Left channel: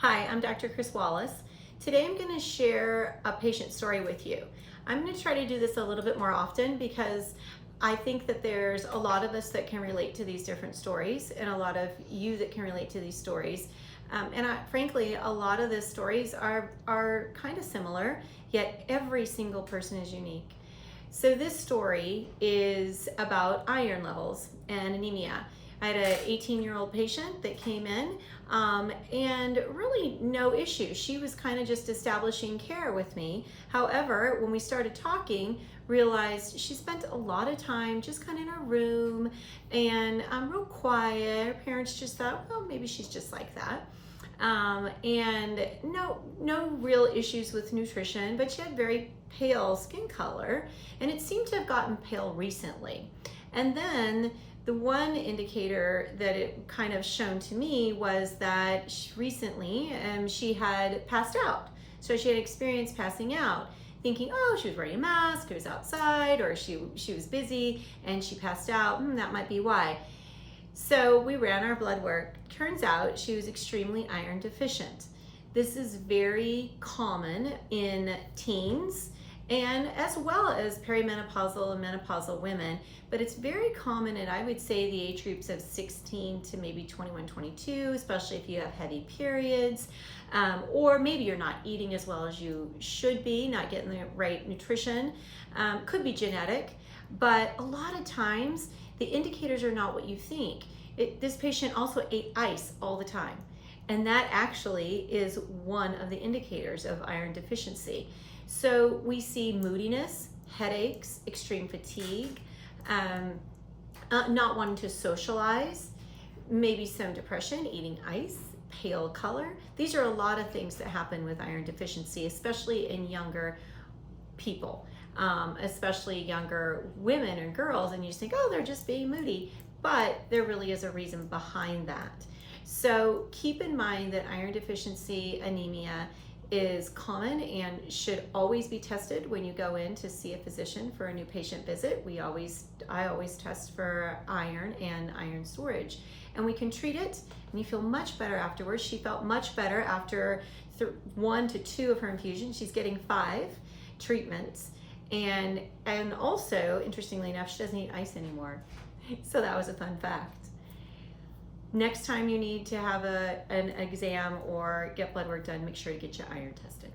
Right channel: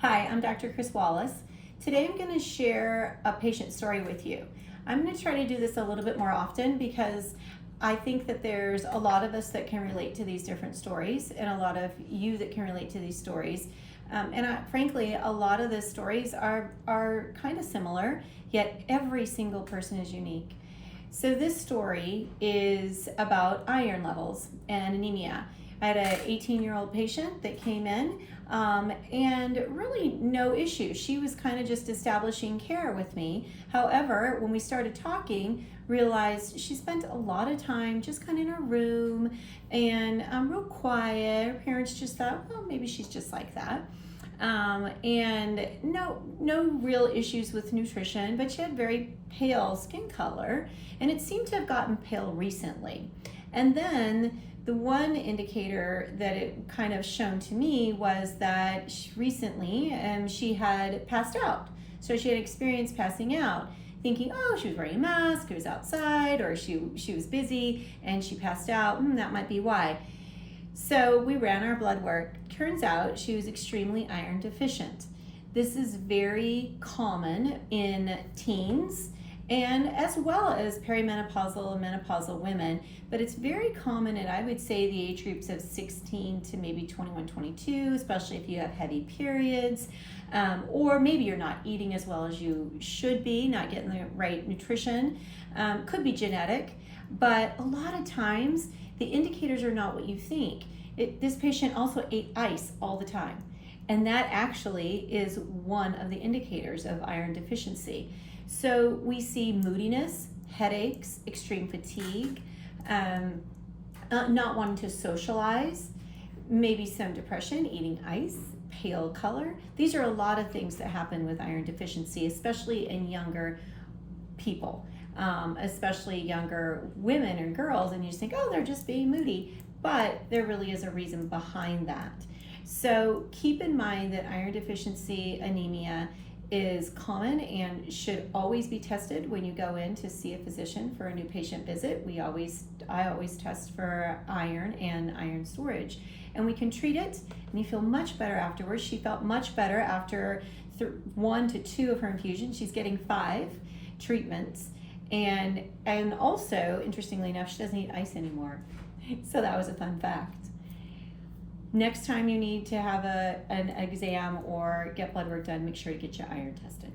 Hi, I'm Dr. Chris Wallace. Today I'm going to share a patient story with you. I'm going to try to do this a little bit more often because I think that there's a lot of us that can relate to these different stories and a lot of you that can relate to these stories. Frankly, a lot of the stories are kind of similar, yet every single person is unique. So this story is about iron levels and anemia. I had an 18-year-old patient that came in and really no issues. She was kind of just establishing care with me. However, when we started talking, realized she spent a lot of time just kind of in her room and real quiet. Her parents just thought, well, maybe she's just like that. And no real issues with nutrition, but she had very pale skin color, and it seemed to have gotten pale recently. And then the one indicator that it kind of shown to me was that recently she had passed out. So she had experienced passing out, thinking, oh, she was wearing a mask, it was outside, or she was busy and she passed out. That might be why. So we ran our blood work. Turns out she was extremely iron deficient. This is very common in teens and as well as perimenopausal and menopausal women, but it's very common in, I would say, the age groups of 16 to maybe 21, 22, especially if you have heavy periods, or maybe you're not eating as well as you should be, not getting the right nutrition. Could be genetic, but a lot of times the indicators are not what you think. This patient also ate ice all the time, and that actually is one of the indicators of iron deficiency. So we see moodiness, headaches, extreme fatigue, not wanting to socialize, maybe some depression, eating ice, pale color. These are a lot of things that happen with iron deficiency, especially in younger people, especially younger women and girls, and you just think, oh, they're just being moody, but there really is a reason behind that. So keep in mind that iron deficiency anemia is common and should always be tested when you go in to see a physician for a new patient visit. I always test for iron and iron storage, and we can treat it and you feel much better afterwards. She felt much better after 1 to 2 of her infusions. She's getting 5 treatments, and also, interestingly enough, she doesn't eat ice anymore. So that was a fun fact. Next time you need to have an exam or get blood work done, make sure to get your iron tested.